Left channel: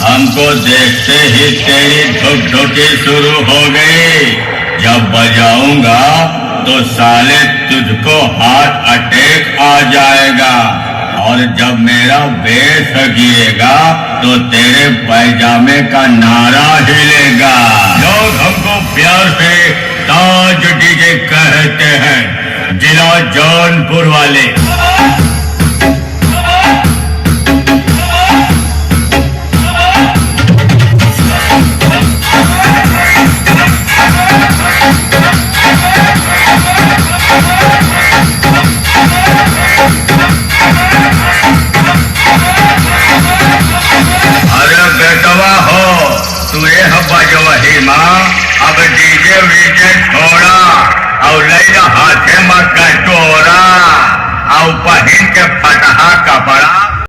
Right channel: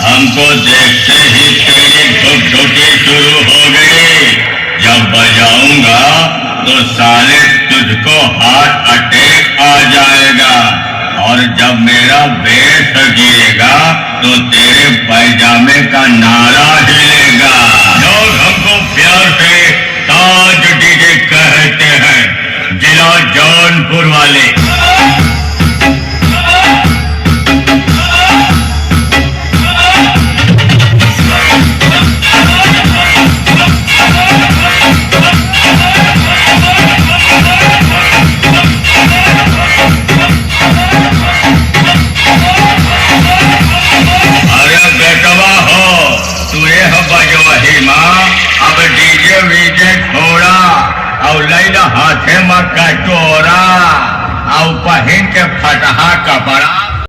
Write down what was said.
हमको देखते ही तेरी ढुक-ढुकी शुरू हो गई। जब बजाऊंगा तो साले तुझको हार्ट अटैक आ जाएगा और जब मेरा बेस गिरेगा तो तेरे पैजामे का नारा हिलेगा। लोग हमको प्यार से ताज डीजे कहते हैं, जिला जौनपुर वाले। अब डीजे वीजे छोड़ा और लैला हाथे में कटोरा।